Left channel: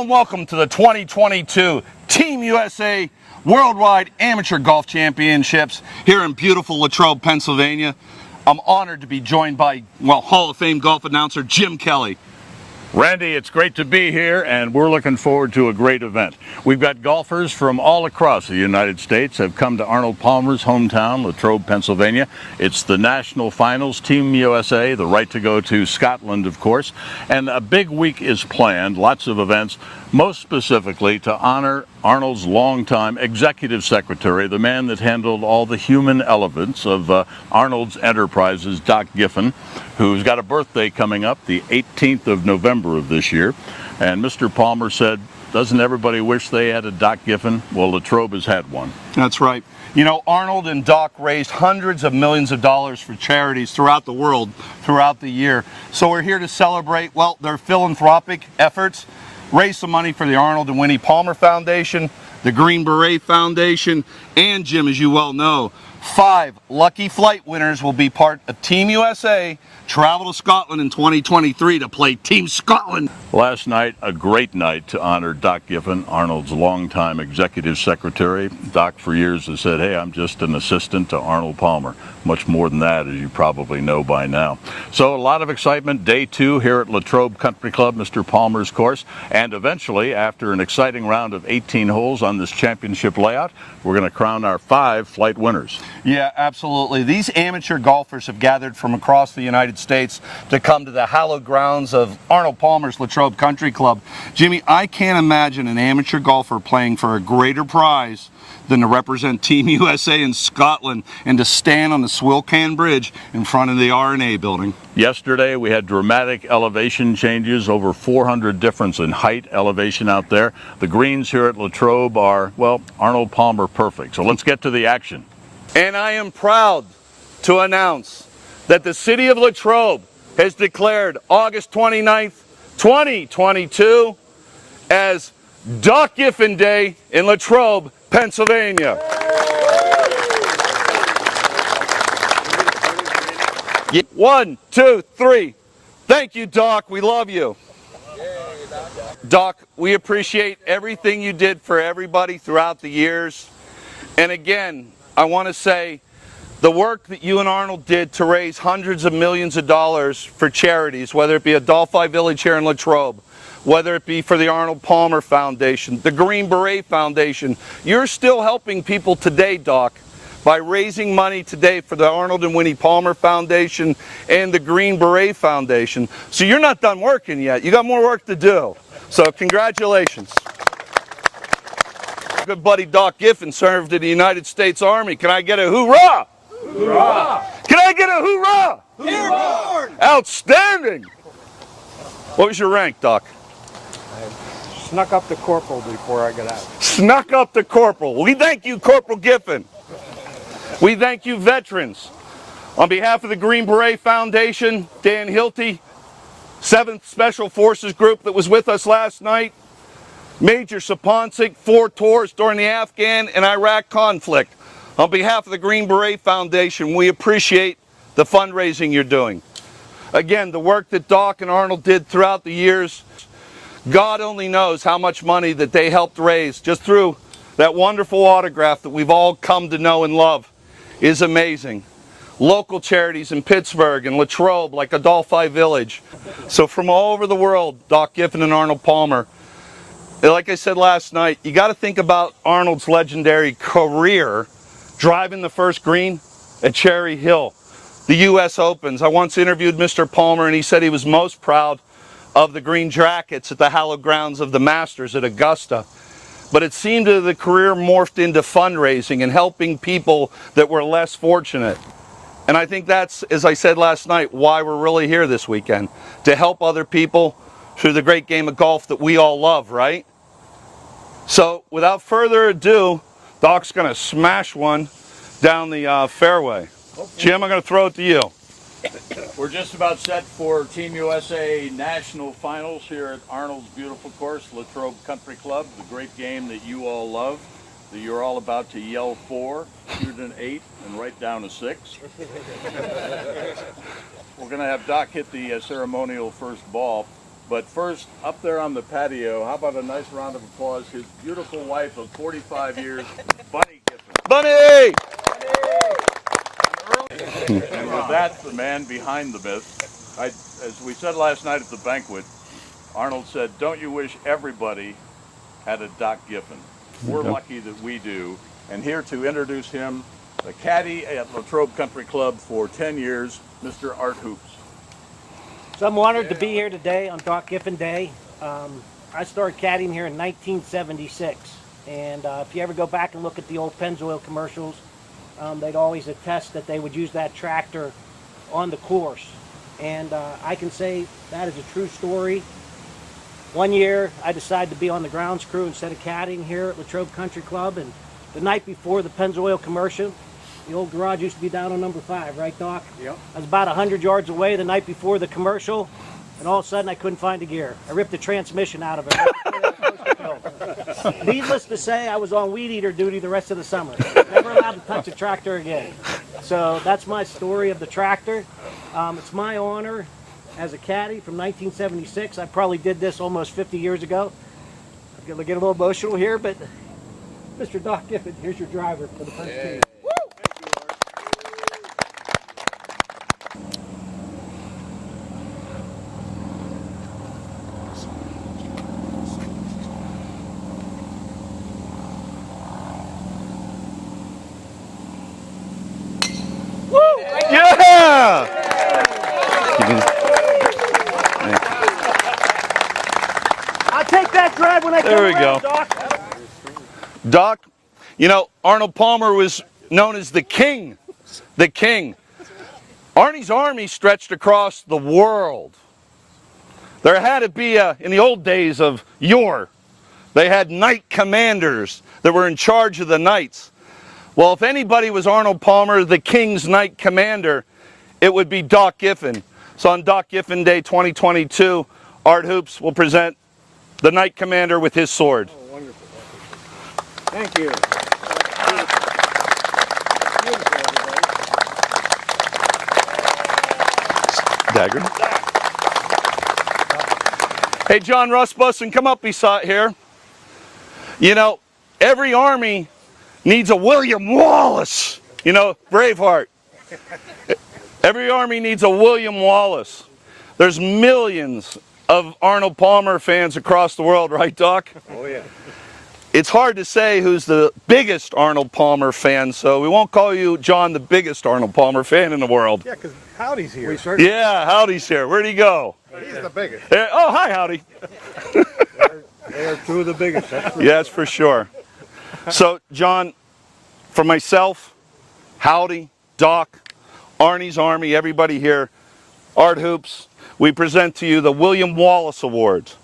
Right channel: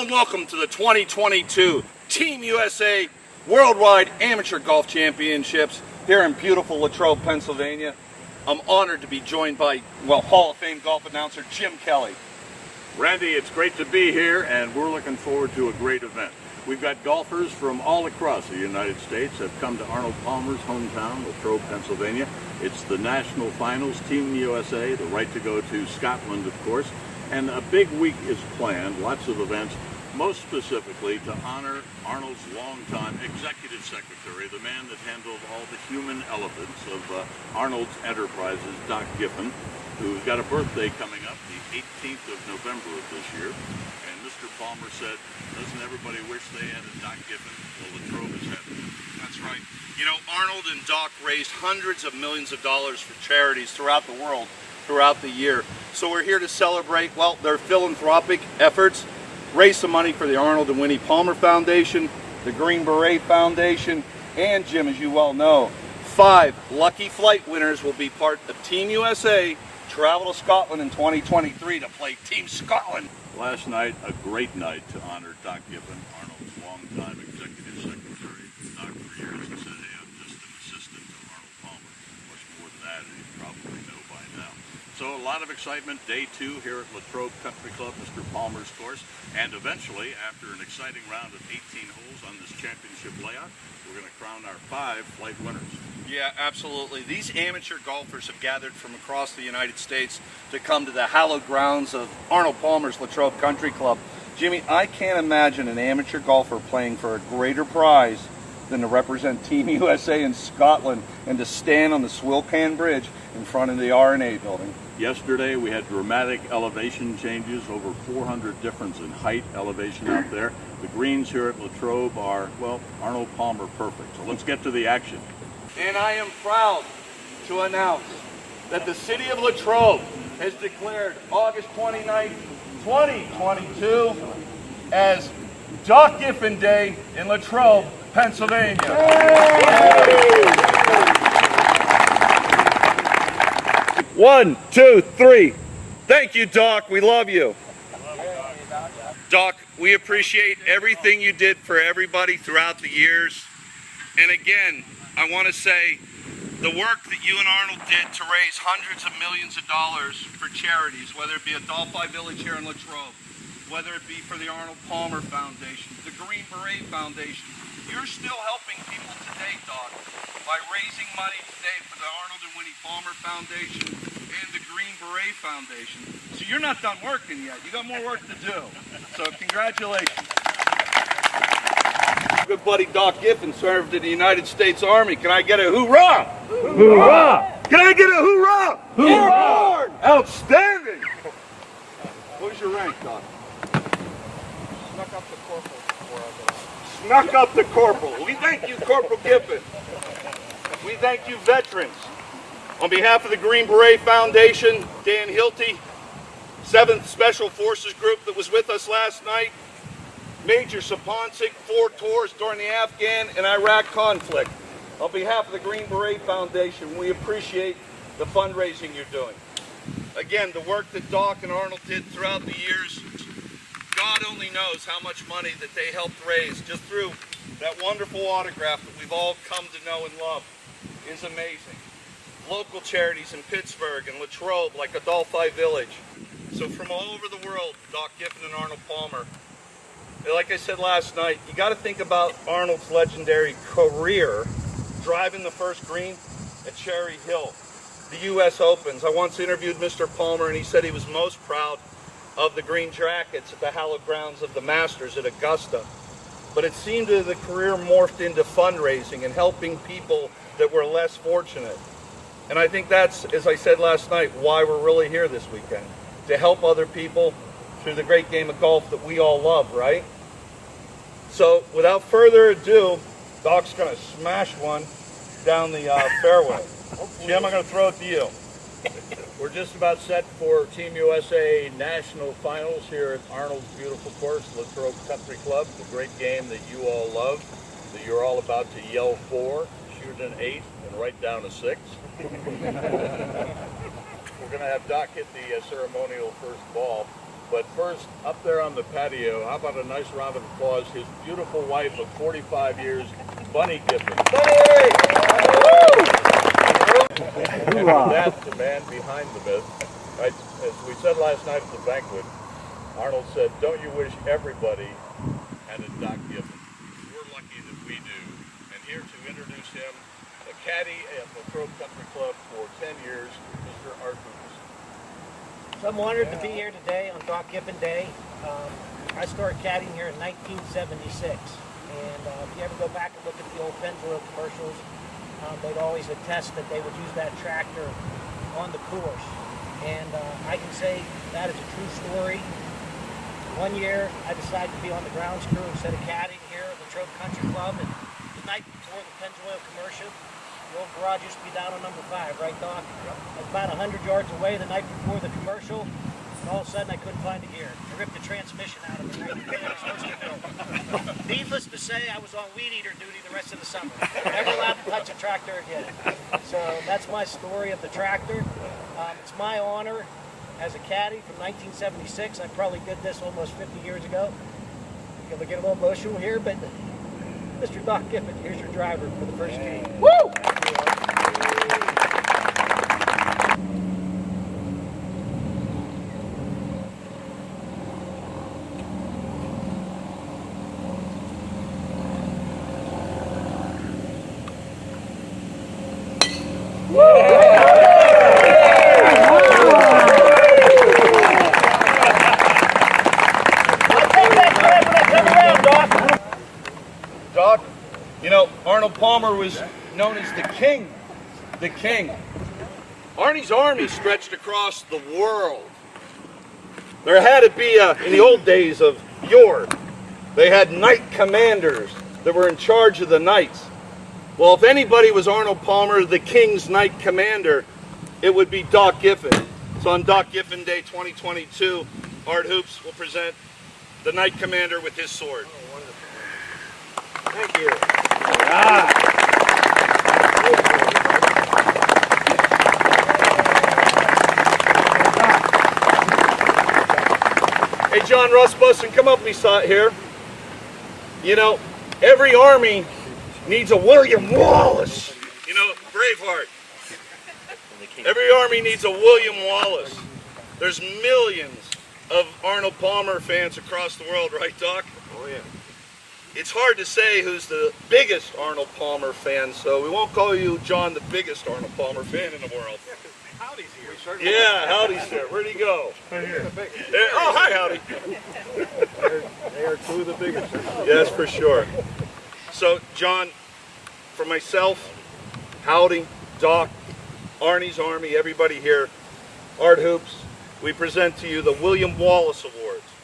Hello and welcome to the 2022 Team USA Worldwide Amateur Golf Championships here in beautiful Latrobe, Pennsylvania. I'm honored to be joined by, Hall of Fame golf announcer Jim Kelly. Randy, it's great to be here, and we're looking forward to a great event. We've got golfers from all across the United States have come to Arnold Palmer's hometown, Latrobe, Pennsylvania. It's the national finals, Team USA, the right to go to Scotland, of course, and a big week is planned, lots of events, most specifically to honor Arnold's longtime executive secretary, the man that handled all the human elements of Arnold's enterprises, Doc GHIN, who's got a birthday coming up, the 18th of November of this year. And Mr. Palmer said, doesn't everybody wish they had a Doc GHIN? Well, Latrobe has had one. That's right. You know, Arnold and Doc raised hundreds of millions of dollars for charities throughout the world, throughout the year. So we're here to celebrate, their philanthropic efforts, raise some money for the Arnold and Winnie Palmer Foundation, the Green Beret Foundation, and Jim, as you well know, 5 lucky flight winners will be part of Team USA travel to Scotland in 2023 to play Team Scotland. Last night, a great night to honor Doc GHIN, Arnold's longtime executive secretary. Doc for years has said, hey, I'm just an assistant to Arnold Palmer. Much more than that, as you probably know by now. So a lot of excitement, day 2 here at Latrobe Country Club, Mr. Palmer's course. And eventually, after an exciting round of 18 holes on this championship layout, we're going to crown our 5 flight winners. Yeah, absolutely. These amateur golfers have gathered from across the United States to come to the hallowed grounds of Arnold Palmer's Latrobe Country Club. Jimmy, I can't imagine an amateur golfer playing for a greater prize than to represent Team USA in Scotland and to stand on the Swilcan Bridge in front of the R&A building. Yesterday we had dramatic elevation changes, over 400 difference in height elevation out there. The greens here at Latrobe are, Arnold Palmer perfect. So let's get to the action. And I am proud to announce that the city of Latrobe has declared August 29th, 2022 as Doc GHIN Day in Latrobe, Pennsylvania. Yay! 1, 2, 3. Thank you, Doc. We love you. Doc, we appreciate everything you did for everybody throughout the years. And again, I want to say the work that you and Arnold did to raise hundreds of millions of dollars for charities, whether it be Adelphi Village here in Latrobe, whether it be for the Arnold Palmer Foundation, the Green Beret Foundation. You're still helping people today, Doc, by raising money today for the Arnold and Winnie Palmer Foundation and the Green Beret Foundation. So you're not done working yet. You got more work to do. So congratulations. Good buddy Doc GHIN served in the United States Army. Can I get a hoorah? Hoorah! Can I get a hoorah? Hoorah! Outstanding! What was your rank, Doc? Snuck up the corporal before I got out. Snuck up the corporal. We thank you, Corporal GHIN. We thank you, veterans. On behalf of the Green Beret Foundation, Dan Hilty, 7th Special Forces Group that was with us last night, Major Saponsic, 4 tours during the Afghan and Iraq conflict. On behalf of the Green Beret Foundation, we appreciate the fundraising you're doing. Again, the work that Doc and Arnold did throughout the years, God only knows how much money that they helped raise just through that wonderful autograph that we've all come to know and love is amazing. Local charities in Pittsburgh and Latrobe, like Adelphi Village. So from all over the world, Doc GHIN and Arnold Palmer. Like I said last night, you got to think about Arnold's legendary career driving the first green at Cherry Hill, the U.S. Opens. I once interviewed Mr. Palmer and he said he was most proud of the green jackets at the hallowed grounds of the Masters at Augusta. But it seemed that the career morphed into fundraising and helping people that were less fortunate. And I think that's, as I said last night, why we're really here this weekend, to help other people through the great game of golf that we all love, right? So without further ado, Doc's going to smash one down the fairway. Jim, I'm going to throw it to you. We're just about set for Team USA National Finals here at Arnold's beautiful course, Latrobe Country Club, the great game that you all love, that you're all about to yell for, shoot an 8 and right down a 6. We're going to have Doc hit the ceremonial first ball. But first, up there on the patio, how about a nice round of applause? His beautiful wife of 45 years, Bunny Giffen. Bunny! That's the man behind the myth. As we said last night at the banquet, Arnold said, don't you wish everybody had a Doc Giffen? We're lucky that we do. And here to introduce him, the caddy at Latrobe Country Club for 10 years, Mr. Art Hoops. So I'm honored to be here today on Doc Giffen Day. I started caddying here in 1976, and if you ever go back and look at the old Pennzoil commercials, they'd always attest that they would use that tractor on the course. And I can say that is a true story. One year I decided to be on the grounds crew instead of caddying here at Latrobe Country Club, and the night before the Pennzoil commercial, the old garage used to be down on number 5, right, Doc? Yep. I was about 100 yards away the night before the commercial, and all of a sudden I couldn't find a gear. I ripped the transmission out of it. Needless to say, I was on weed eater duty the rest of the summer. Never allowed to touch a tractor again. So that's my story of the tractor. It's my honor as a caddy from 1976. I probably did this almost 50 years ago. I'm going to get a little emotional here, but Mr. Doc Giffen, here's your driver for the first team. Woo! Doc, you know, Arnold Palmer was known as the king. The king. Arnie's army stretched across the world. There had to be, in the old days of yore, they had knight commanders that were in charge of the knights. Well, if anybody was Arnold Palmer, the king's knight commander, it would be Doc Giffen. So on Doc Giffen Day 2022, Art Hoops will present the knight commander with his sword. Thank you. Hey, John Rasmussen, come up beside here. You know, every army needs a William Wallace. You know, Braveheart. Every army needs a William Wallace. There's millions of Arnold Palmer fans across the world, right, Doc? Oh, yeah. It's hard to say who's the biggest Arnold Palmer fan, so we won't call you, John, the biggest Arnold Palmer fan in the world. Yeah, because Howdy's here. Yeah, Howdy's here. Where'd he go? He's the biggest. Oh, hi, Howdy. They're two of the biggest. Yes, for sure. So, John, for myself, Howdy, Doc, Arnie's Army, everybody here, Art Hoops, we present to you the William Wallace Awards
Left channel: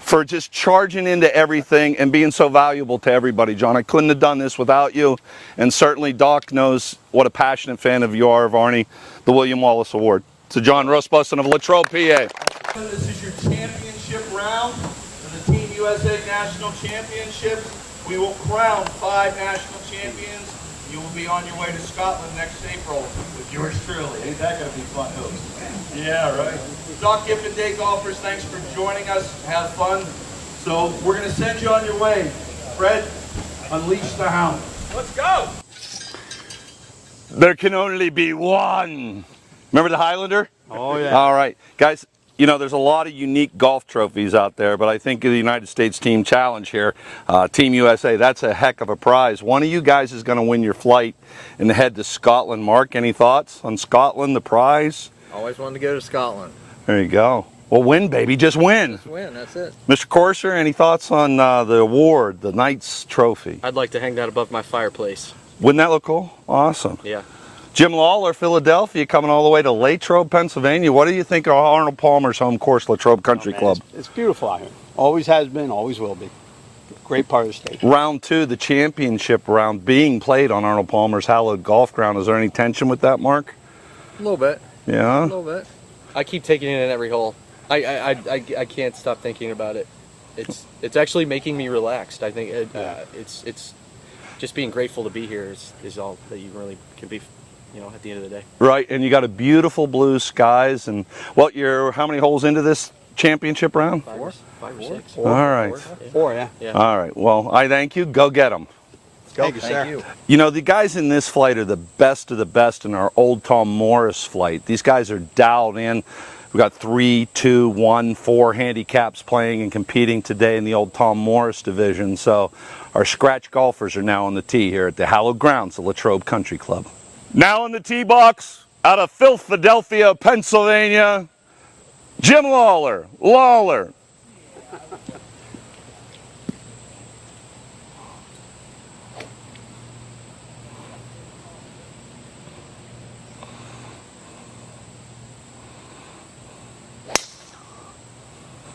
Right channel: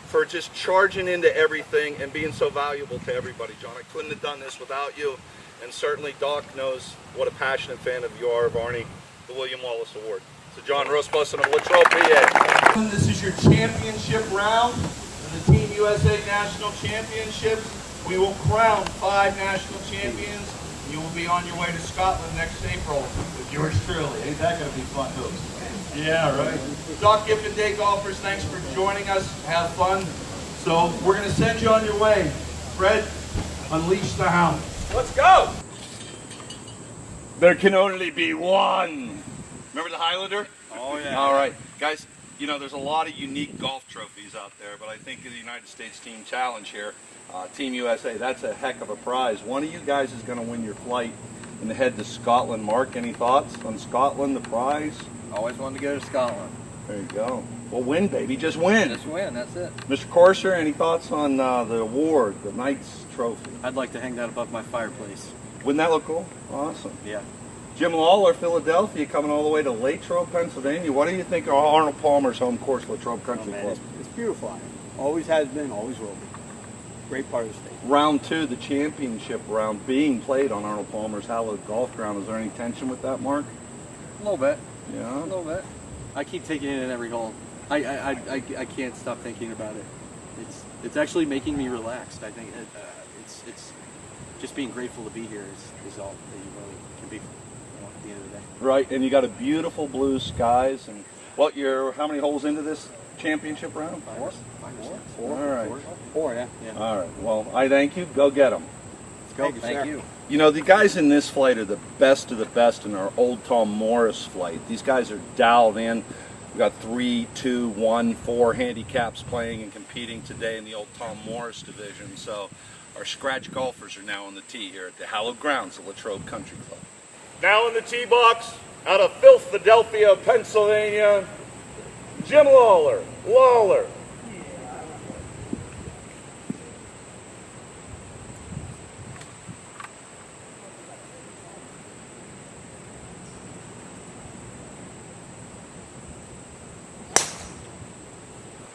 for just charging into everything and being so valuable to everybody, John. I couldn't have done this without you, and certainly Doc knows what a passionate fan of you are of Arnie, the William Wallace Award. To John Rasmussen of Latrobe, PA. This is your championship round for the Team USA National Championships. We will crown 5 national champions. You will be on your way to Scotland next April with yours truly. Ain't that going to be fun, Hoops? Yeah, right. Doc Giffen Day golfers, thanks for joining us. Have fun. So we're going to send you on your way. Fred, unleash the hound. Let's go. There can only be one. Remember the Highlander? Oh, yeah. All right. Guys, you know, there's a lot of unique golf trophies out there, but I think the United States Team Challenge here, Team USA, that's a heck of a prize. One of you guys is going to win your flight and head to Scotland. Mark, any thoughts on Scotland, the prize? Always wanted to go to Scotland. There you go. Well, win, baby. Just win. Just win, that's it. Mr. Corser, any thoughts on the award, the Knights Trophy? I'd like to hang that above my fireplace. Wouldn't that look cool? Awesome. Yeah. Jim Lawler, Philadelphia, coming all the way to Latrobe, Pennsylvania. What do you think of Arnold Palmer's home course, Latrobe Country Club? It's beautiful out here. Always has been, always will be. Great part of the state. Round 2, the championship round, being played on Arnold Palmer's hallowed golf ground. Is there any tension with that, Mark? A little bit. Yeah? A little bit. I keep taking it in every hole. I can't stop thinking about it. It's actually making me relaxed. I think it's just being grateful to be here is all that you really can be. at the end of the day. Right, and you got a beautiful blue skies. And how many holes into this championship round? Five or six. All right. Four, yeah. Yeah. All right. Well, I thank you. Go get them. Thank you, sir. Thank you. You know, the guys in this flight are the best of the best in our Old Tom Morris flight. These guys are dialed in. We got 3, 2, 1, 4 handicaps playing and competing today in the Old Tom Morris division. So our scratch golfers are now on the tee here at the hallowed grounds of Latrobe Country Club. Now in the tee box, out of Philadelphia, Pennsylvania, Jim Lawler.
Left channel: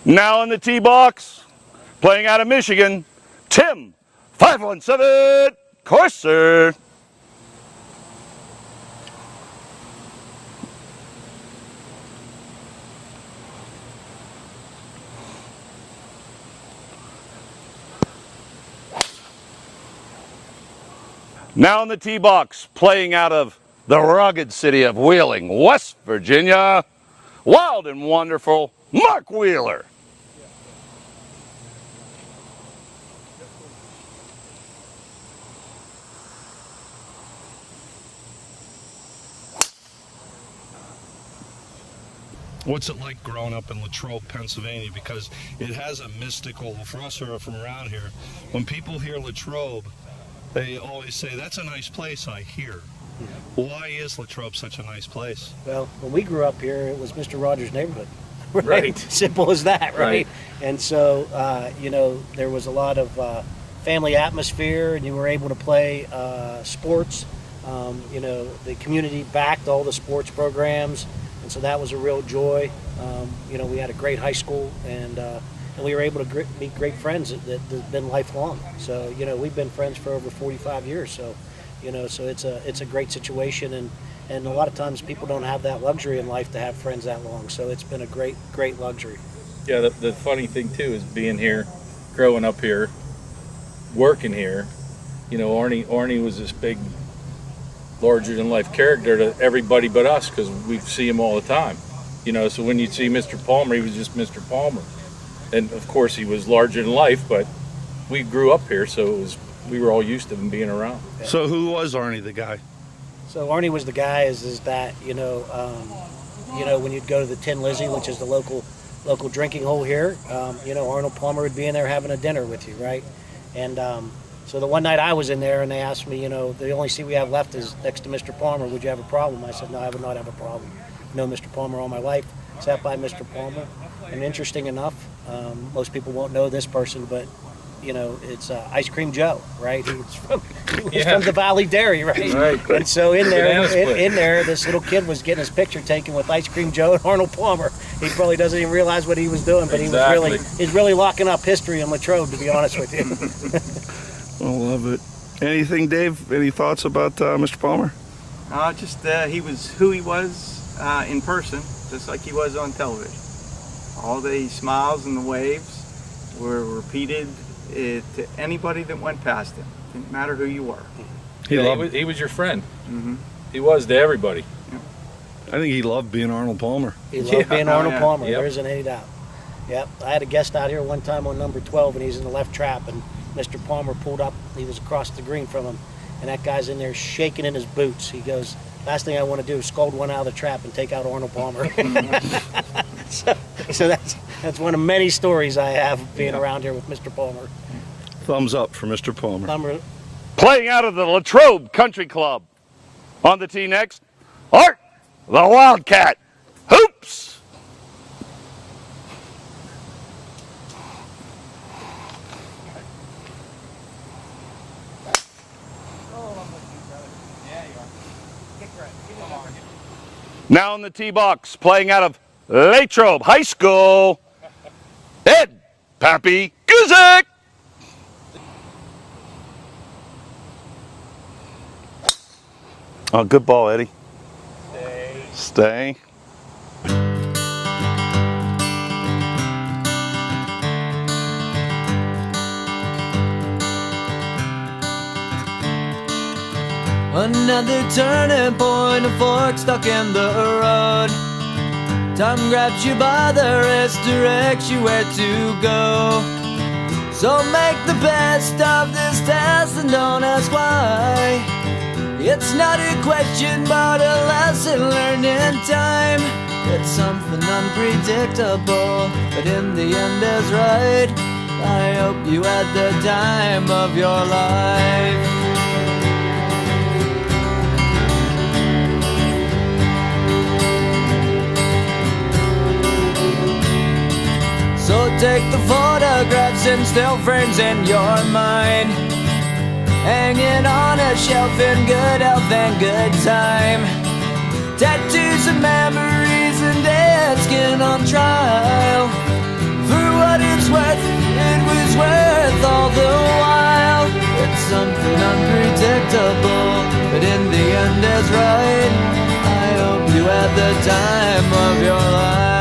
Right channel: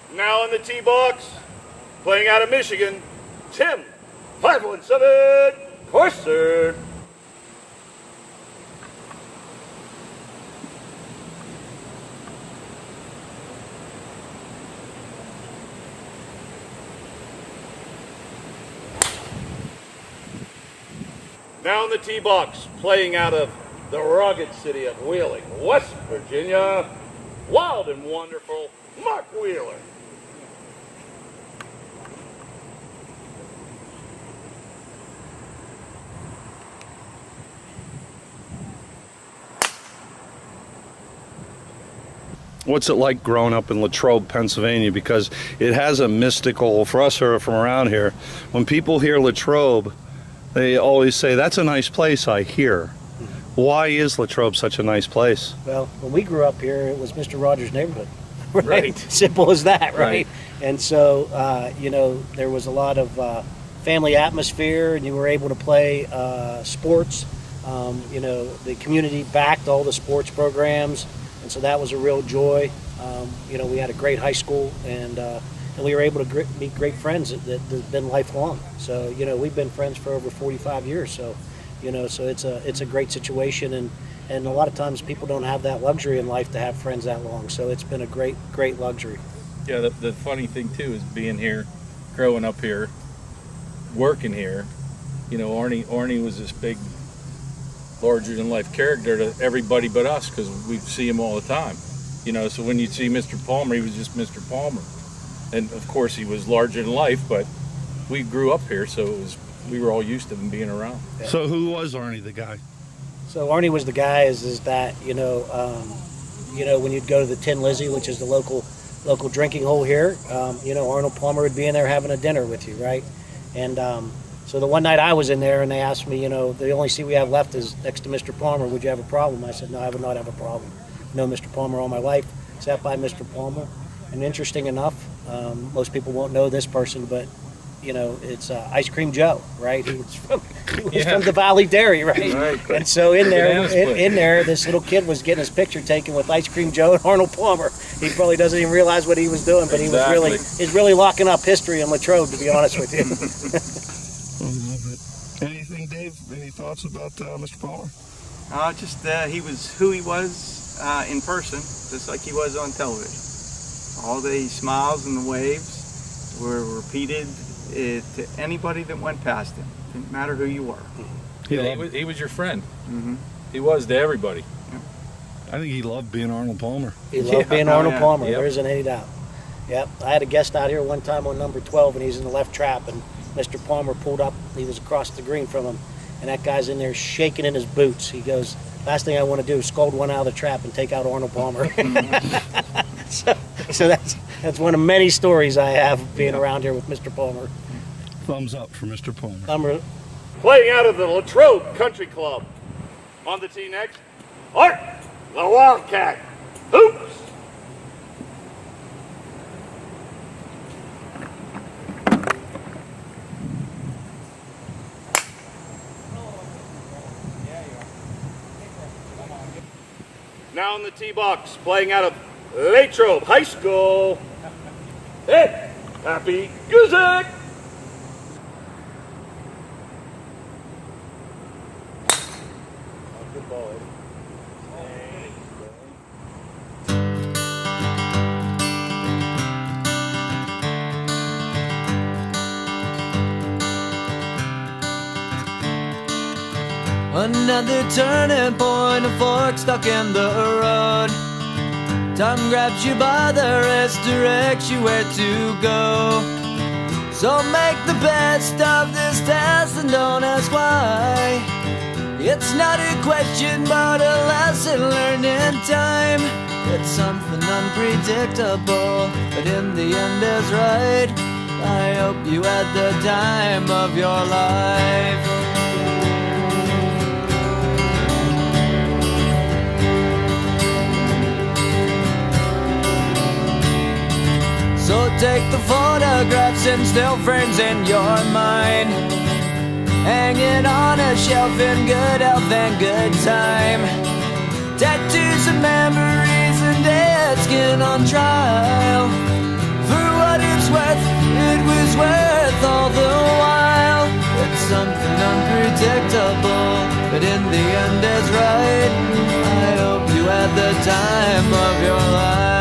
Now in the tee box, playing out of Michigan, Tim 517 Corser. Now in the tee box, playing out of the rugged city of Wheeling, West Virginia, wild and wonderful Mark Wheeler. What's it like growing up in Latrobe, Pennsylvania? Because it has a mystical, for us who are from around here, when people hear Latrobe, they always say, that's a nice place, I hear. Why is Latrobe such a nice place? Well, when we grew up here, it was Mr. Rogers' neighborhood. Right. Simple as that, right? Right. And so, there was a lot of family atmosphere, and you were able to play sports. The community backed all the sports programs, and so that was a real joy. We had a great high school, and we were able to meet great friends that have been lifelong. So, we've been friends for over 45 years. So, so it's a great situation, and a lot of times people don't have that luxury in life to have friends that long. So it's been a great luxury. Yeah, the funny thing too is being here, growing up here, working here. Arnie was this big, larger-than-life character to everybody but us because we see him all the time. So when you see Mr. Palmer, he was just Mr. Palmer. And of course he was larger than life, but we grew up here, so we were all used to him being around. Yeah. So who was Arnie the guy? So Arnie was the guy is that, when you'd go to the Tin Lizzie, which is the local drinking hole here, Arnold Palmer would be in there having a dinner with you, right? And so the one night I was in there and they asked me, the only seat we have left is next to Mr. Palmer. Would you have a problem? I said, no, I would not have a problem. Known Mr. Palmer all my life, sat by Mr. Palmer. And interesting enough, most people won't know this person, but it's Ice Cream Joe, right? He was from the Valley Dairy, right? And so in there, this little kid was getting his picture taken with Ice Cream Joe and Arnold Palmer. He probably doesn't even realize what he was doing, but he's really locking up history in Latrobe, to be honest with you. I love it. Anything, Dave? Any thoughts about Mr. Palmer? He was who he was in person, just like he was on television. All the smiles and the waves were repeated to anybody that went past him. Didn't matter who you were. He was your friend. Mm-hmm. He was to everybody. I think he loved being Arnold Palmer. He loved being Arnold Palmer. Yep. There isn't any doubt. Yep. I had a guest out here one time on number 12, and he's in the left trap, and Mr. Palmer pulled up. He was across the green from him, and that guy's in there shaking in his boots. He goes, last thing I want to do is scold one out of the trap and take out Arnold Palmer. so that's one of many stories I have being around here with Mr. Palmer. Thumbs up for Mr. Palmer. Playing out of the Latrobe Country Club. On the tee next, Art the Wildcat Hoops. Now in the tee box, playing out of Latrobe High School, Ed Pappy Guzik. Oh, good ball, Eddie. Stay. Another turning point, a fork stuck in the road. Time grabs you by the wrist, directs you where to go. So make the best of this test and don't ask why. It's not a question but a lesson learned in time. It's something unpredictable, but in the end is right. I hope you had the time of your life. So take the photographs and still frames in your mind, hanging on a shelf in good health and good time. Tattoos and memories and dead skin on trial. For what it's worth, it was worth all the while. It's something unpredictable, but in the end is right. I hope you had the time of your life.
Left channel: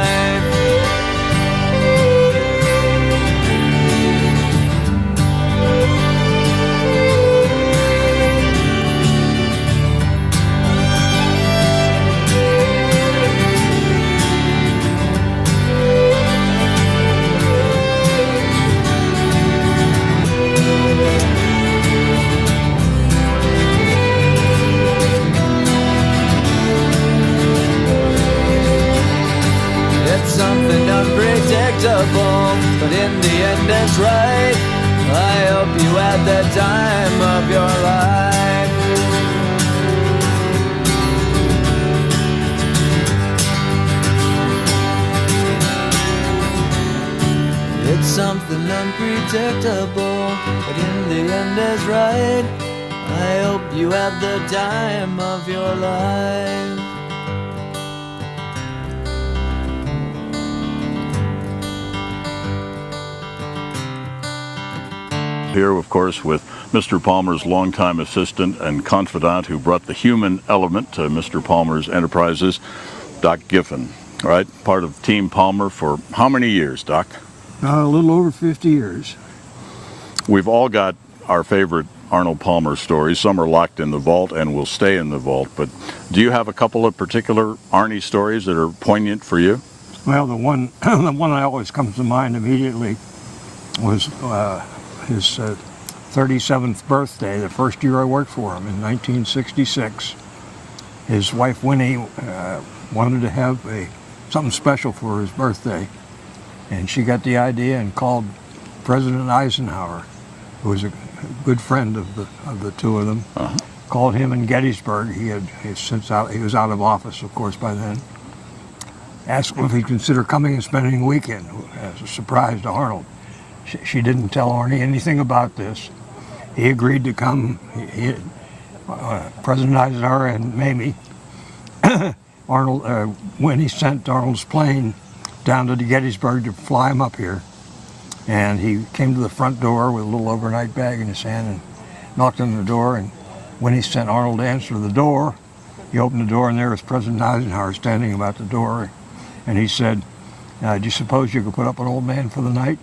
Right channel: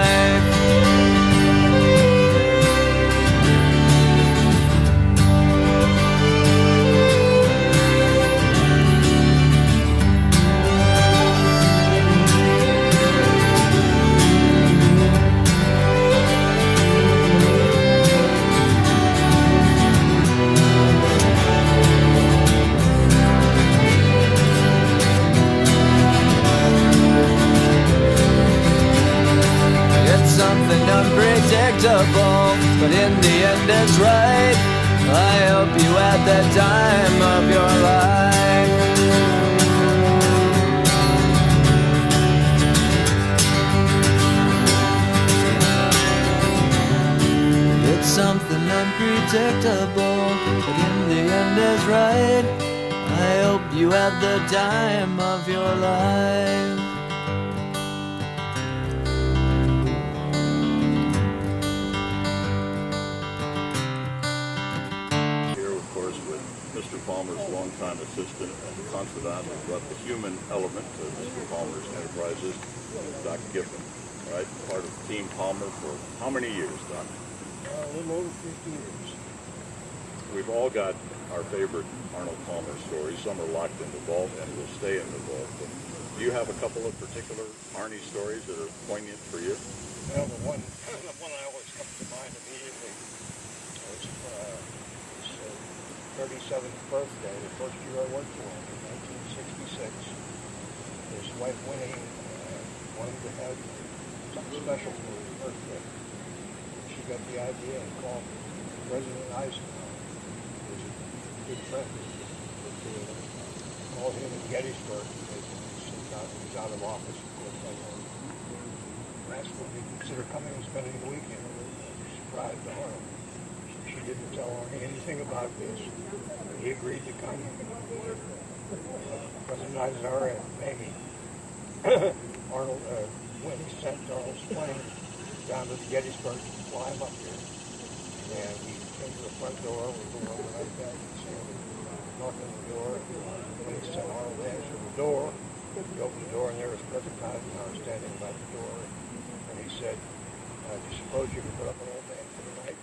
Something unpredictable, but in the end it's right. I hope you had the time of your life. It's something unpredictable, but in the end is right. I hope you had the time of your life. Here, of course, with Mr. Palmer's longtime assistant and confidant who brought the human element to Mr. Palmer's enterprises, Doc Giffen, right? Part of Team Palmer for how many years, Doc? A little over 50 years. We've all got our favorite Arnold Palmer stories. Some are locked in the vault and will stay in the vault. But do you have a couple of particular Arnie stories that are poignant for you? Well, the one that always comes to mind immediately was his 37th birthday, the first year I worked for him in 1966. His wife Winnie wanted to have something special for his birthday, and she got the idea and called President Eisenhower, who was a good friend of the two of them. Called him in Gettysburg. He was out of office, of course, by then. Asked him if he'd consider coming and spending a weekend as a surprise to Arnold. She didn't tell Arnie anything about this. He agreed to come. President Eisenhower and Mamie, when he sent Arnold's plane down to the Gettysburg to fly him up here, and he came to the front door with a little overnight bag in his hand and knocked on the door, and when he sent Arnold to answer the door, he opened the door and there was President Eisenhower standing about the door, and he said, "Do you suppose you could put up an old man for the night?"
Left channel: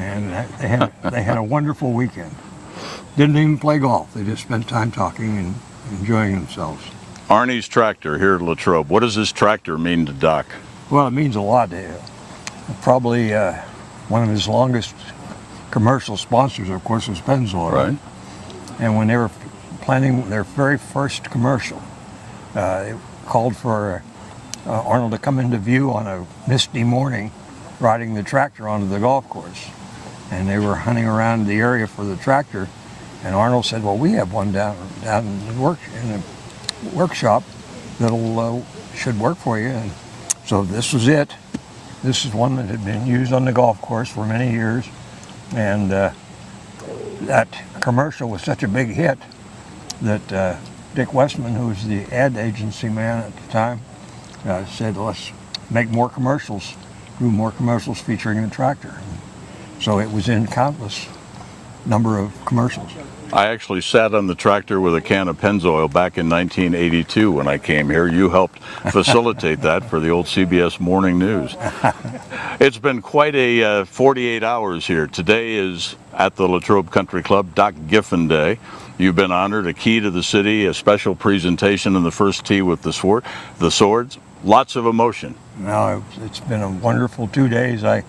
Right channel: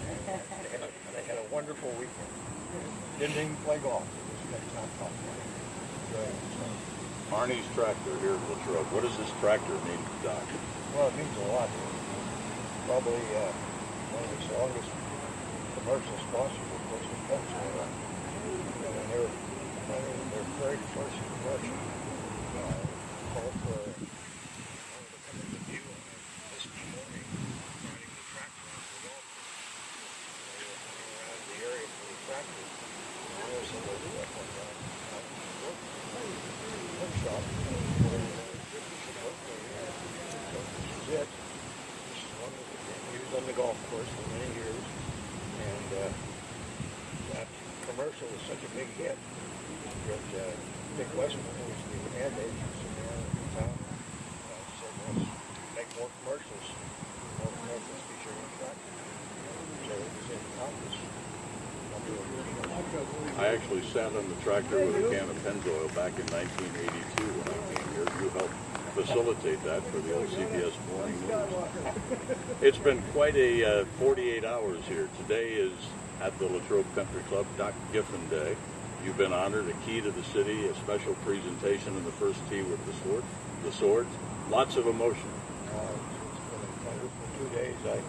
And they had a wonderful weekend. Didn't even play golf. They just spent time talking and enjoying themselves. Arnie's tractor here at Latrobe. What does this tractor mean to Doc? Well, it means a lot to him. Probably one of his longest commercial sponsors, of course, was Pennzoil. Right. And when they were planning their very first commercial, they called for Arnold to come into view on a misty morning riding the tractor onto the golf course. And they were hunting around the area for the tractor, and Arnold said, "Well, we have one down in the workshop that'll should work for you." And so this was it. This is one that had been used on the golf course for many years, and that commercial was such a big hit that Dick Westman, who was the ad agency man at the time, said, "Let's make more commercials, do more commercials featuring the tractor." So it was in countless number of commercials. I actually sat on the tractor with a can of Pennzoil back in 1982 when I came here. You helped facilitate that for the old CBS Morning News. It's been quite a 48 hours here. Today is at the Latrobe Country Club, Doc Giffen Day. You've been honored, a key to the city, a special presentation in the first tee with the swords. Lots of emotion. No, it's been a wonderful 2 days. I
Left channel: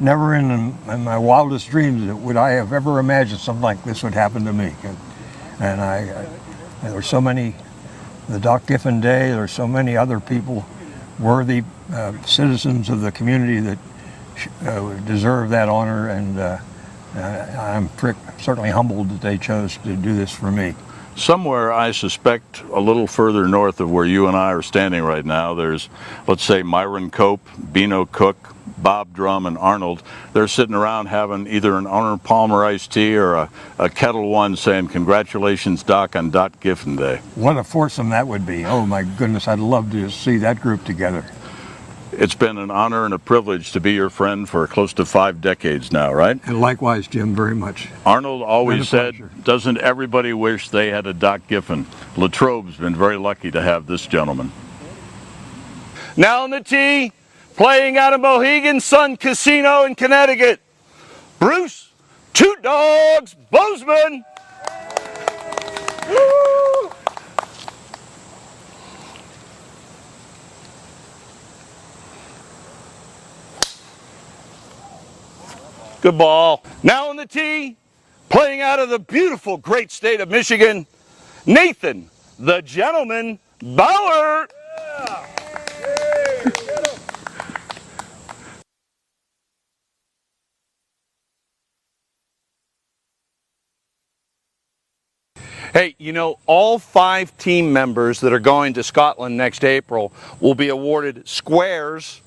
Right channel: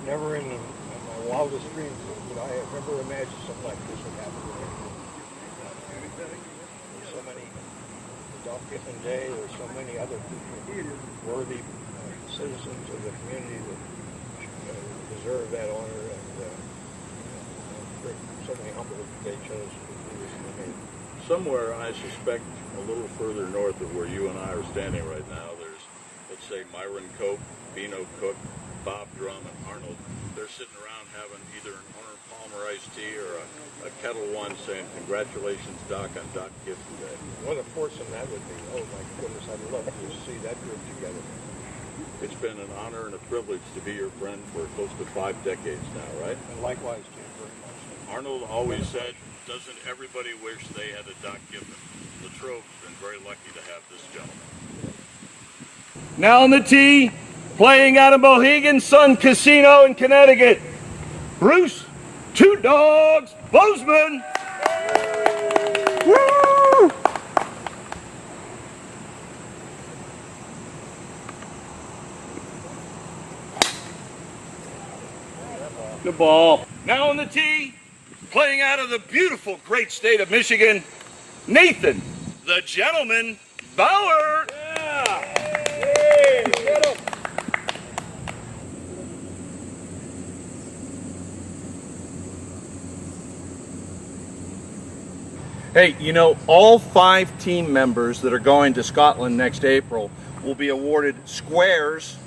never in my wildest dreams would I have ever imagined something like this would happen to me. And there were so many, the Doc Giffen Day, there were so many other people, worthy citizens of the community that deserve that honor, and I'm certainly humbled that they chose to do this for me. Somewhere, I suspect, a little further north of where you and I are standing right now, there's, let's say, Myron Cope, Beano Cook, Bob Drum, and Arnold. They're sitting around having either an Arnold Palmer iced tea or a Kettle One saying, "Congratulations, Doc, on Doc Giffen Day." What a foursome that would be. Oh my goodness, I'd love to see that group together. It's been an honor and a privilege to be your friend for close to 5 decades now, right? And likewise, Jim, very much. Arnold always said, pleasure. doesn't everybody wish they had a Doc Giffen? Latrobe's been very lucky to have this gentleman. Now on the tee, playing out of Mohegan Sun Casino in Connecticut, Bruce Two Dogs Bozeman. Woo! Good ball. Now on the tee, playing out of the beautiful great state of Michigan, Nathan, the Gentleman Bauer. Hey, you know, all 5 team members that are going to Scotland next April will be awarded Squares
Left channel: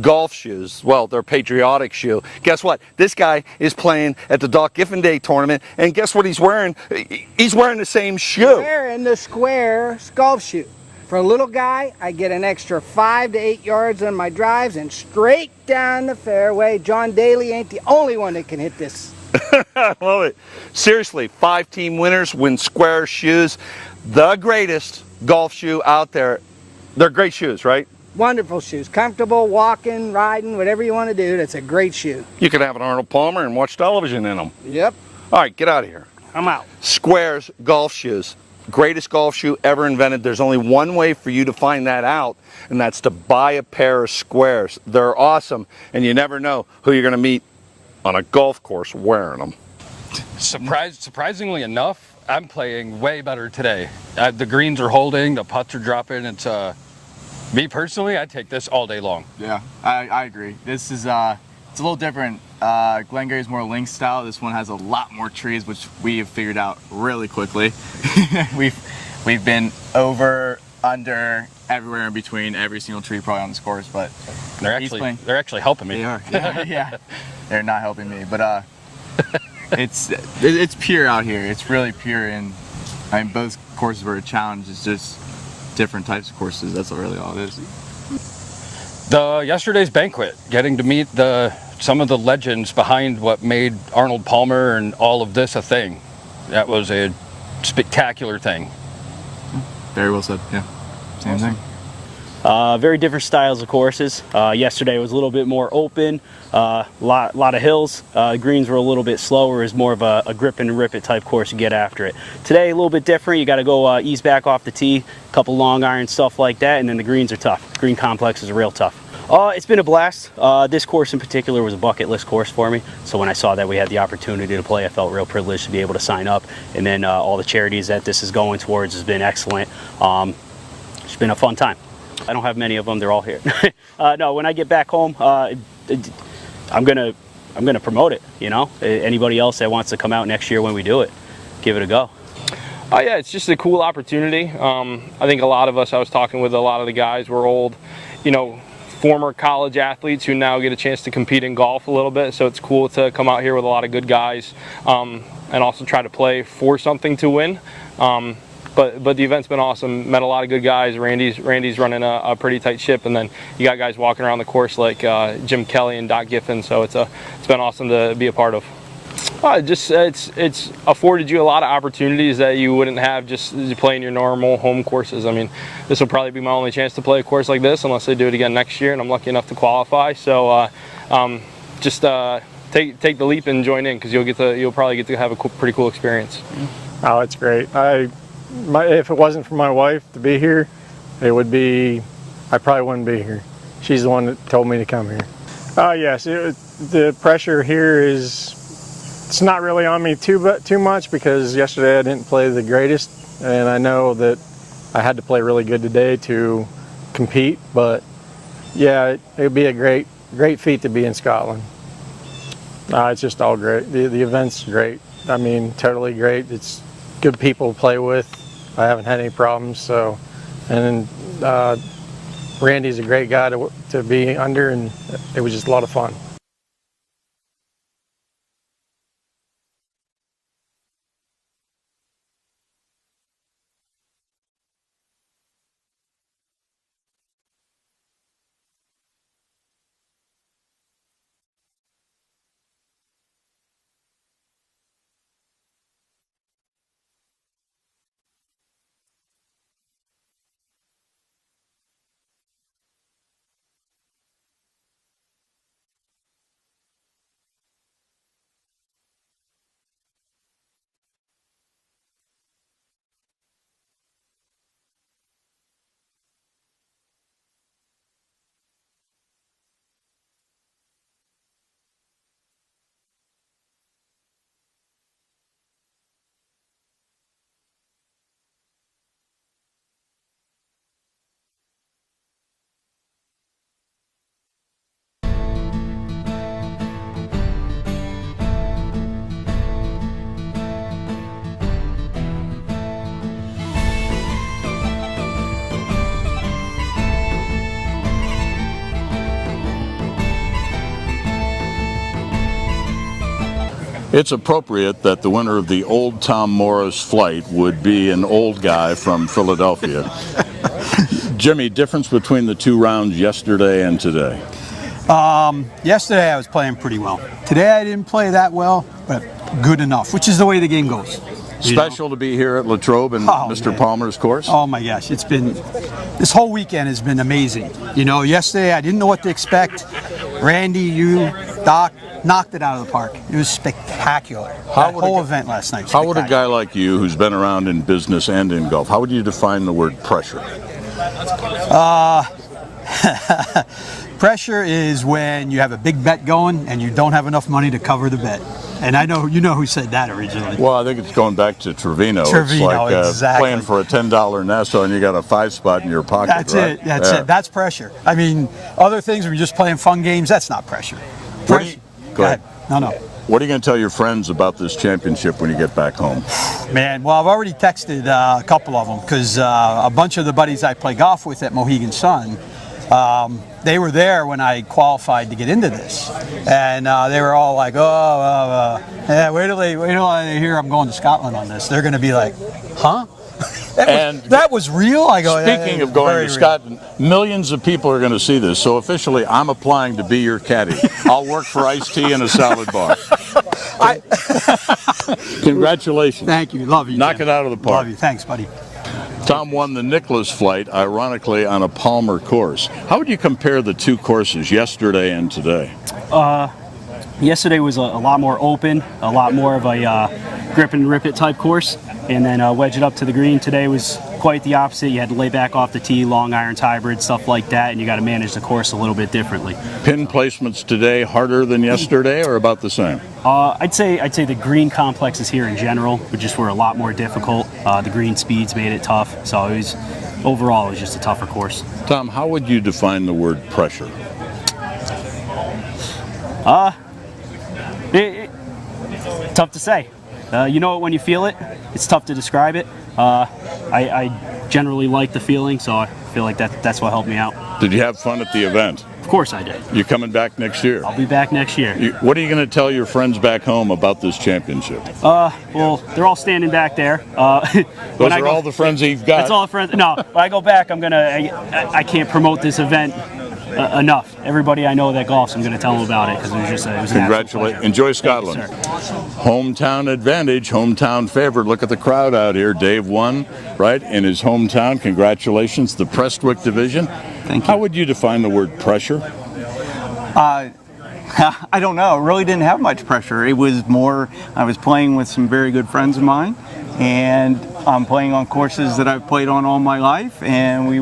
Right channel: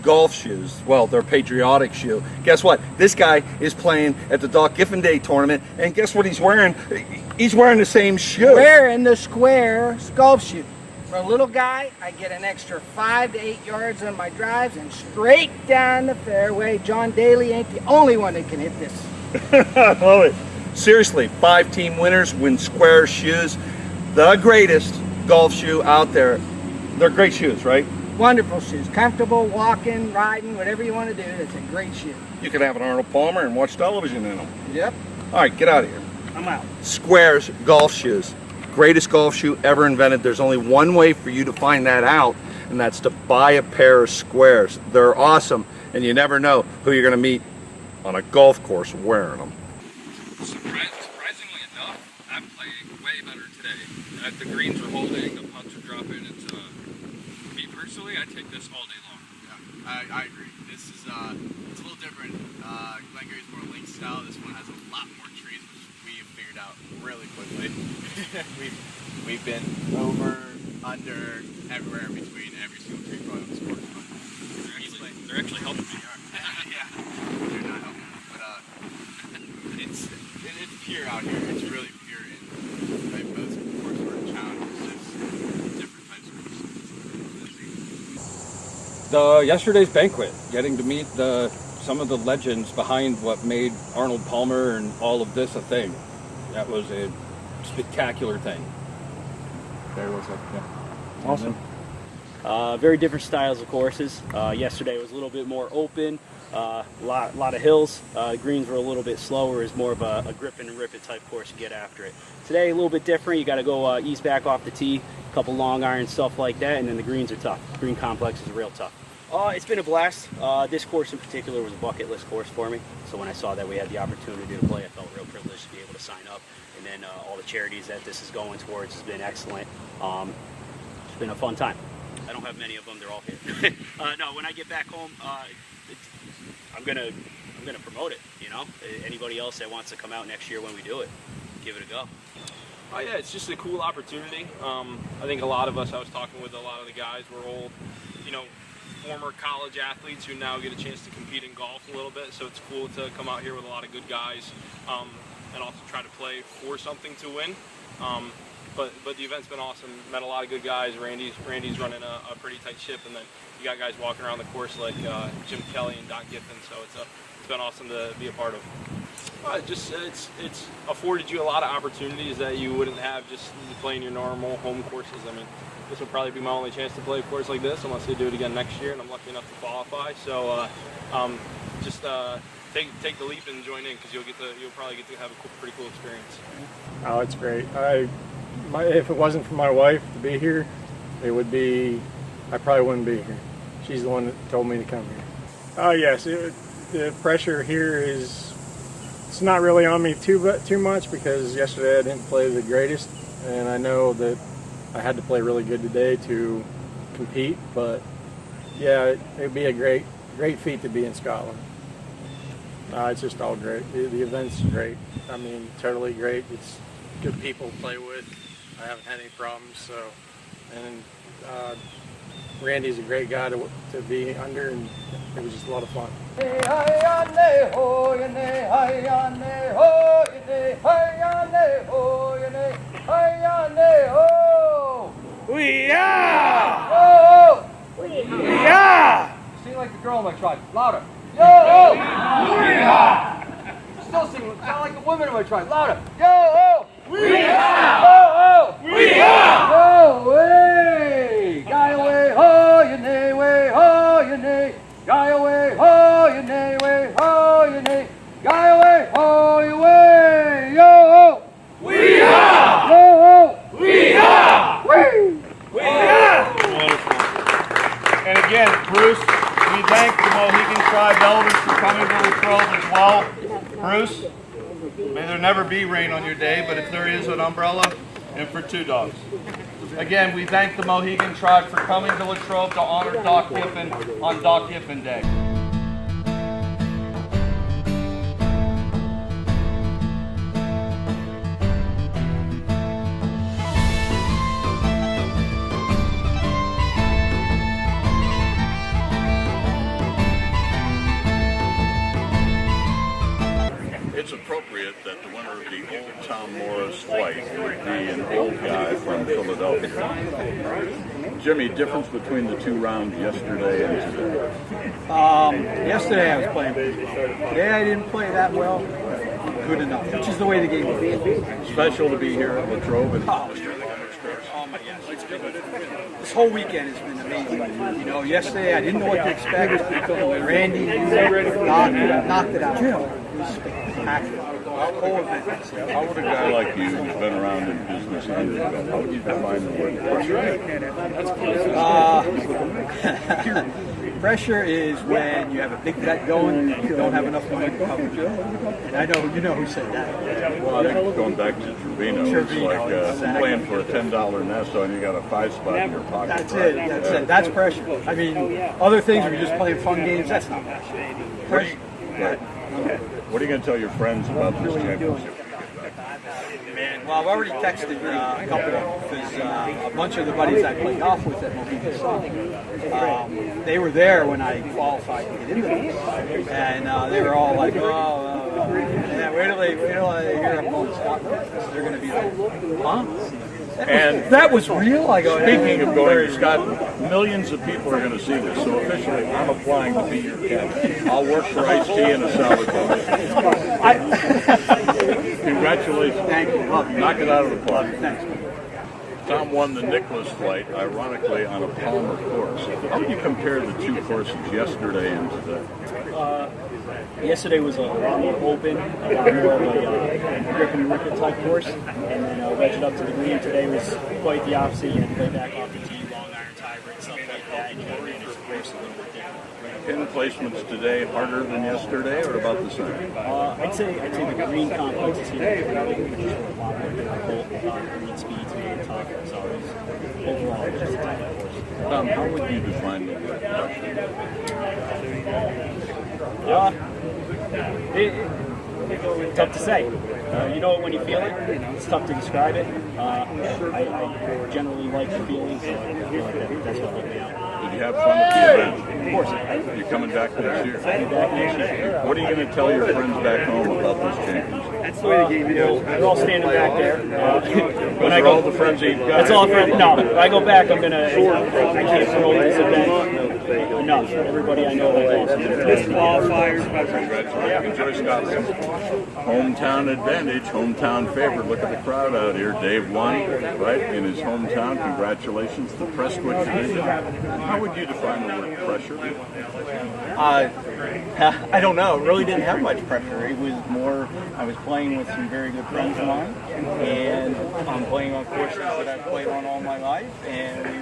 golf shoes. Well, their patriotic shoe. Guess what? This guy is playing at the Doc Giffen Day tournament, and guess what he's wearing? He's wearing the same shoe. Wearing the Squares golf shoe. For a little guy, I get an extra 5 to 8 yards in my drives and straight down the fairway. John Daly ain't the only one that can hit this. I love it. Seriously, 5 team winners win Square shoes. The greatest golf shoe out there. They're great shoes, right? Wonderful shoes. Comfortable, walking, riding, whatever you want to do. That's a great shoe. You could have an Arnold Palmer and watch television in them. Yep. All right, get out of here. I'm out. Squares golf shoes. Greatest golf shoe ever invented. There's only one way for you to find that out, and that's to buy a pair of Squares. They're awesome, and you never know who you're going to meet on a golf course wearing them. Surprisingly enough, I'm playing way better today. The greens are holding, the putts are dropping. It's me personally, I take this all day long. Yeah, I agree. This is it's a little different. Glengarry's more links style. This one has a lot more trees, which we have figured out really quickly. we've been over, under, everywhere in between, every single tree probably on this course. But they're actually helping me. They are. Yeah. They're not helping me, but it's pure out here. It's really pure, and I mean both courses were a challenge. It's just different types of courses. That's really all it is. Yesterday's banquet, getting to meet some of the legends behind what made Arnold Palmer and all of this a thing. That was a spectacular thing. Very well said. Yeah. Same Awesome. thing. Very different styles of courses. Yesterday was a little bit more open, lot of hills. Greens were a little bit slower, is more of a grip and rip it type course to get after it. Today a little bit different. You got to go ease back off the tee, a couple long irons, stuff like that, and then the greens are tough. The green complex is real tough. It's been a blast. This course in particular was a bucket list course for me. So when I saw that we had the opportunity to play, I felt real privileged to be able to sign up. And then all the charities that this is going towards has been excellent. It's been a fun time. I don't have many of them. They're all here. No, when I get back home, I'm gonna promote it. You know, anybody else that wants to come out next year when we do it, give it a go. Yeah, it's just a cool opportunity. I think a lot of us, I was talking with a lot of the guys, we're old, you know, former college athletes who now get a chance to compete in golf a little bit. So it's cool to come out here with a lot of good guys and also try to play for something to win. But the event's been awesome. Met a lot of good guys. Randy's running a pretty tight ship, and then you got guys walking around the course like Jim Kelly and Doc Giffen. So it's been awesome to be a part of. It's afforded you a lot of opportunities that you wouldn't have just playing your normal home courses. I mean, this will probably be my only chance to play a course like this unless they do it again next year, and I'm lucky enough to qualify. So take the leap and join in, because you'll probably get to have a pretty cool experience. Oh, it's great. If it wasn't for my wife to be here, I probably wouldn't be here. She's the one that told me to come here. Oh yes, the pressure here it's not really on me too much because yesterday I didn't play the greatest, and I know that I had to play really good today to compete. But yeah, it would be a great feat to be in Scotland. It's just all great. The event's great. I mean, totally great. It's good people to play with. I haven't had any problems. So, and then Randy's a great guy to be under, and it was just a lot of fun. We are! We are! Sing like the girl in my tribe. Louder. Yo! We are! Still sing. Sound like the women in my tribe. Louder. Yo! We are! Oh! We are! Yo! Way! Guy away! Ho! Your nay! Way! Ho! Your nay! Guy away! Ho! Your nay! Way! Ho! Your nay! Guy away! Ho! Your way! Yo! We are! Yo! We are! Woo! We are! And again, Bruce, we thank the Mohegan Tribe elders for coming to Latrobe as well. Bruce, may there never be rain on your day, but if there is, an umbrella, and for 2 dogs. Again, we thank the Mohegan Tribe for coming to Latrobe to honor Doc Giffen on Doc Giffen Day. It's appropriate that the winner of the Old Tom Morris flight would be an old guy from Philadelphia. Jimmy, difference between the 2 rounds yesterday and today? Yesterday I was playing pretty well. Today I didn't play that well, but good enough, which is the way the game goes. Special to be here at Latrobe and Mr. Palmer's course? Oh my gosh, this whole weekend has been amazing. You know, yesterday I didn't know what to expect. Randy, you, Doc, knocked it out of the park. It was spectacular. That whole event last night. How would a guy like you, who's been around in business and in golf, how would you define the word pressure? Pressure is when you have a big bet going and you don't have enough money to cover the bet. And I know you know who said that originally. Well, I think it's going back to Trevino. It's like exactly. Playing for a $10 Nassau and you got a 5 spot in your pocket. That's right? it. That's it. That's pressure. I mean, other things were just playing fun games. That's not pressure. Go ahead. No. What are you going to tell your friends about this championship when you get back home? Man, well, I've already texted a couple of them because a bunch of the buddies I play golf with at Mohegan Sun, they were there when I qualified to get into this, and they were all like, yeah, wait till they hear I'm going to Scotland on this. They're going to be like, huh? That was real? I go, speaking of going to Scotland, millions of people are going to see this, so officially I'm applying to be your caddy. I'll work for iced tea and a salad bar. Congratulations. Thank you. Love you. Knock it out of the park. Love you. Thanks, buddy. Tom won the Nicholas flight, ironically, on a Palmer course. How would you compare the 2 courses, yesterday and today? Yesterday was a lot more open, a lot more of a grip and rip it type course, and then wedge it up to the green. Today was quite the opposite. You had to lay back off the tee, long irons, hybrid, stuff like that, and you got to manage the course a little bit differently. Pin placements today harder than yesterday, or about the same? I'd say the green complexes here in general just were a lot more difficult. The green speeds made it tough, so overall it was just a tougher course. Tom, how would you define the word pressure? Tough to say. You know it when you feel it. It's tough to describe it. I generally like the feeling, so I feel like that's what helped me out. Did you have fun at the event? Of course I did. You coming back next year? I'll be back next year. What are you going to tell your friends back home about this championship? Well, they're all standing back there. Those are all the friends you've got. That's all friends. No, when I go back, I can't promote this event enough. Everybody I know that golfs, I'm going to tell them about it. Congratulations. Enjoy Scotland. Hometown advantage, hometown favorite. Look at the crowd out here. Dave won, right, in his hometown. Congratulations. The Prestwick division. Thank you. How would you define the word pressure? I don't know. It really didn't have much pressure. It was more, I was playing with some very good friends of mine, and I'm playing on courses that I've played on all my life, and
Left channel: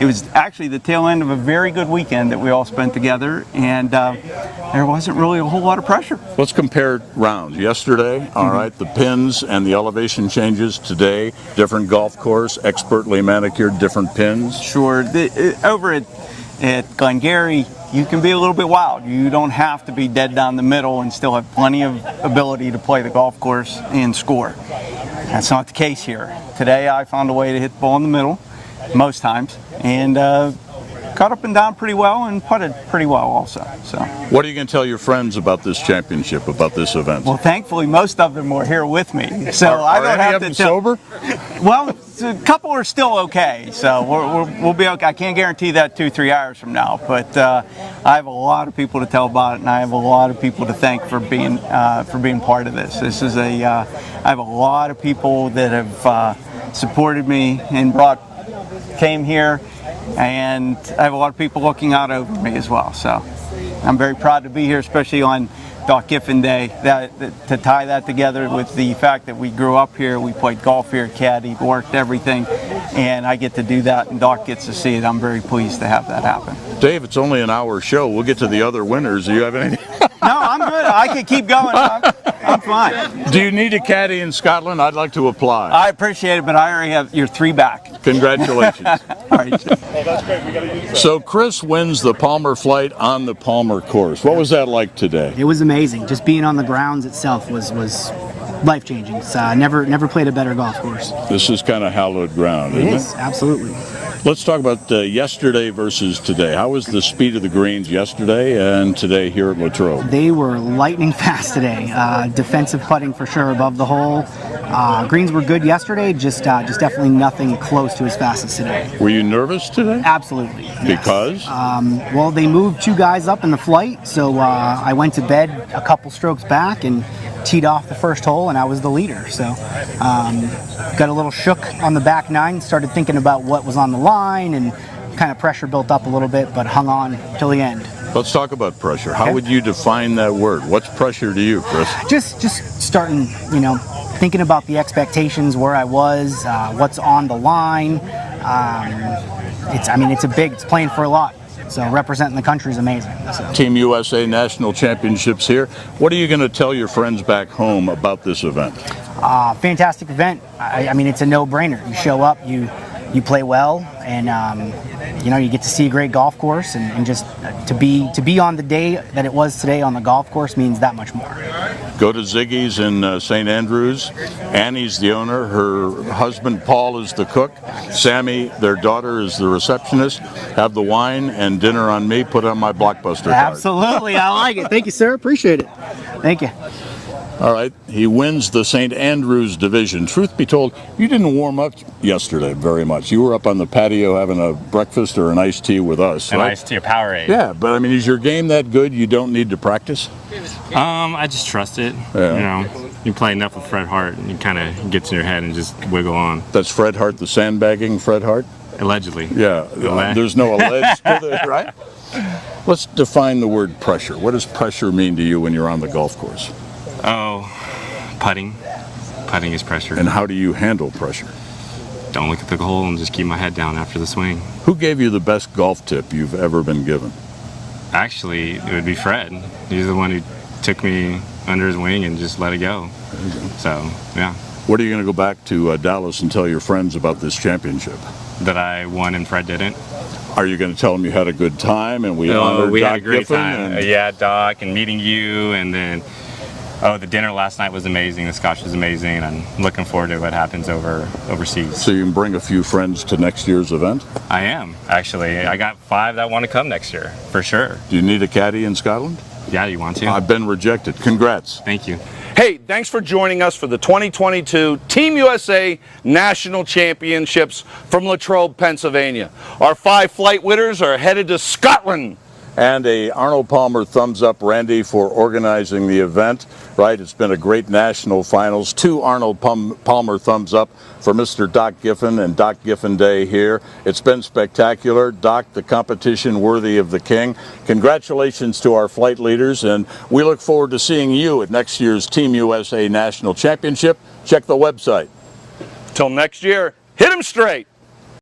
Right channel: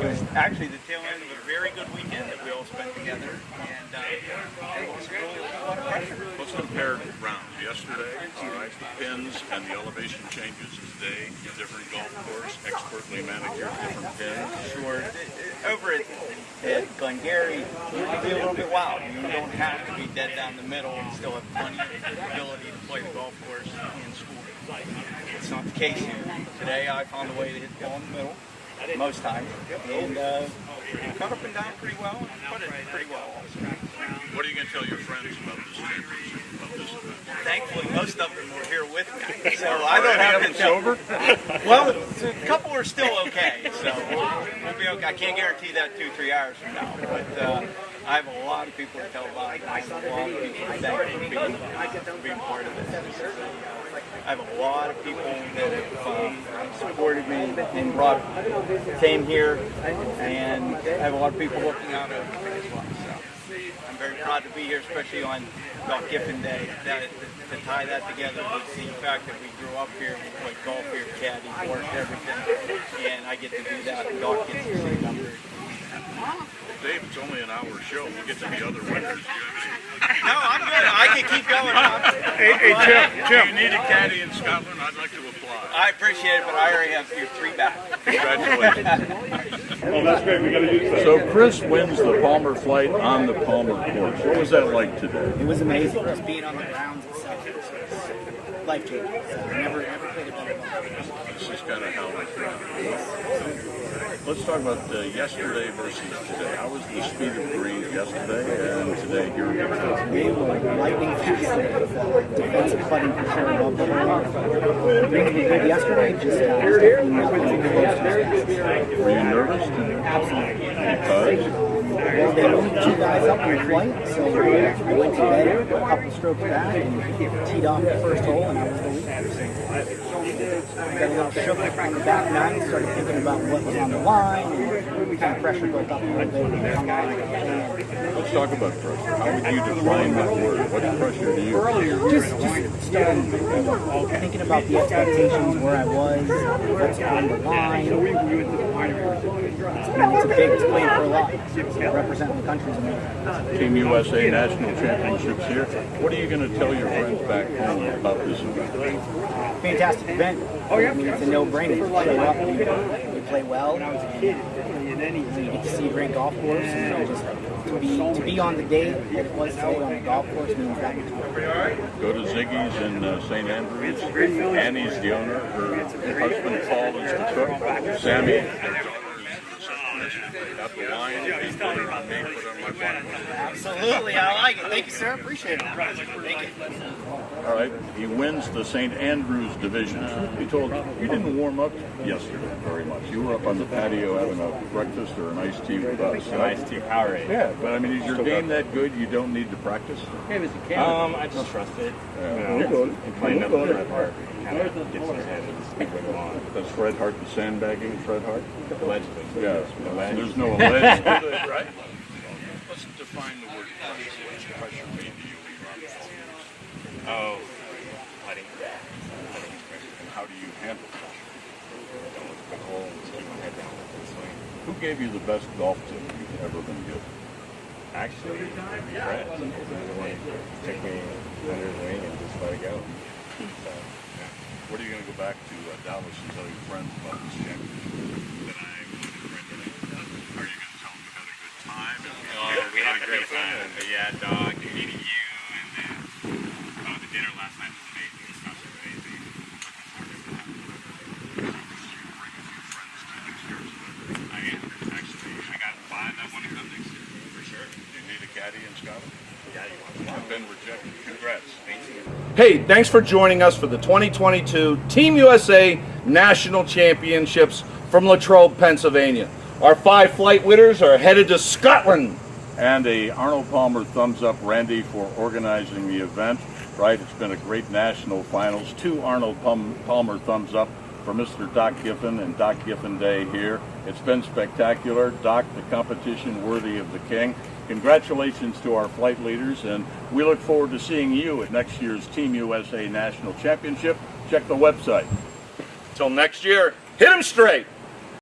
it was actually the tail end of a very good weekend that we all spent together, and there wasn't really a whole lot of pressure. Let's compare rounds. Yesterday, all right, the pins and the elevation changes. Today, different golf course, expertly manicured, different pins. Sure. Over at Glengarry, you can be a little bit wild. You don't have to be dead down the middle and still have plenty of ability to play the golf course and score. That's not the case here. Today I found a way to hit the ball in the middle most times, and cut up and down pretty well and putted pretty well also. So, what are you going to tell your friends about this championship, about this event? Well, thankfully most of them were here with me, so I don't have to tell. Sober? Well, a couple are still okay, so we'll be okay. I can't guarantee that 2-3 hours from now, but I have a lot of people to tell about it, and I have a lot of people to thank for being part of this. This is I have a lot of people that have supported me and came here, and I have a lot of people looking out over me as well. So I'm very proud to be here, especially on Doc Giffen Day, to tie that together with the fact that we grew up here, we played golf here, caddied, worked everything, and I get to do that, and Doc gets to see it. I'm very pleased to have that happen. Dave, it's only an hour show. We'll get to the other winners. Do you have anything? No, I'm good. I can keep going. I'm fine. Do you need a caddy in Scotland? I'd like to apply. I appreciate it, but I already have your 3 back. Congratulations. All right. So Chris wins the Palmer Flight on the Palmer course. What was that like today? It was amazing. Just being on the grounds itself was life-changing. It's never played a better golf course. This is kind of hallowed ground, isn't it? It is, absolutely. Let's talk about yesterday versus today. How was the speed of the greens yesterday and today here at Latrobe? They were lightning fast today. Defensive putting for sure above the hole. Greens were good yesterday, just definitely nothing close to as fast as today. Were you nervous today? Absolutely. Because? Well, they moved 2 guys up in the flight, so I went to bed a couple strokes back and teed off the first hole, and I was the leader. So got a little shook on the back 9, started thinking about what was on the line, and kind of pressure built up a little bit, but hung on till the end. Let's talk about pressure. How would you define that word? What's pressure to you, Chris? Just starting, thinking about the expectations, where I was, what's on the line. It's playing for a lot. So representing the country is amazing. Team USA National Championships here. What are you going to tell your friends back home about this event? Fantastic event. It's a no-brainer. You show up, you play well, and you get to see a great golf course, and just to be on the day that it was today on the golf course means that much more. Go to Ziggy's in St. Andrews. Annie's the owner. Her husband Paul is the cook. Sammy, their daughter, is the receptionist. Have the wine and dinner on me. Put on my Blockbuster card. Absolutely, I like it. Thank you, sir. Appreciate it. Thank you. All right, he wins the St. Andrews division. Truth be told, you didn't warm up yesterday very much. You were up on the patio having a breakfast or an iced tea with us. An right? iced tea, a Powerade. Yeah, but is your game that good you don't need to practice? I just trust it. Yeah. You play enough with Fred Hart, and it kind of gets in your head and just wiggle on. That's Fred Hart, the sandbagging Fred Hart? Allegedly. Yeah, there's no alleged to it, right? Let's define the word pressure. What does pressure mean to you when you're on the golf course? Oh, putting. Putting is pressure. And how do you handle pressure? Don't look at the hole and just keep my head down after the swing. Who gave you the best golf tip you've ever been given? Actually, it would be Fred. He's the one who took me under his wing and just let it go. So, yeah. What are you going to go back to Dallas and tell your friends about this championship? That I won and Fred didn't. Are you going to tell them you had a good time and we honored Doc we had a great Giffen time. Yeah, Doc, and meeting you, and then the dinner last night was amazing. The Scotch was amazing, and I'm looking forward to what happens overseas. So you can bring a few friends to next year's event? I am, actually. I got 5 that want to come next year, for sure. Do you need a caddy in Scotland? Yeah, you want to? I've been rejected. Congrats. Thank you. Hey, thanks for joining us for the 2022 Team USA National Championships from Latrobe, Pennsylvania. Our 5 flight winners are headed to Scotland. And a Arnold Palmer thumbs up, Randy, for organizing the event. Right, it's been a great national finals. 2 Arnold Palmer thumbs up for Mr. Doc Giffen and Doc Giffen Day here. It's been spectacular. Doc, the competition worthy of the king. Congratulations to our flight leaders, and we look forward to seeing you at next year's Team USA National Championship. Check the website. Till next year, hit 'em straight.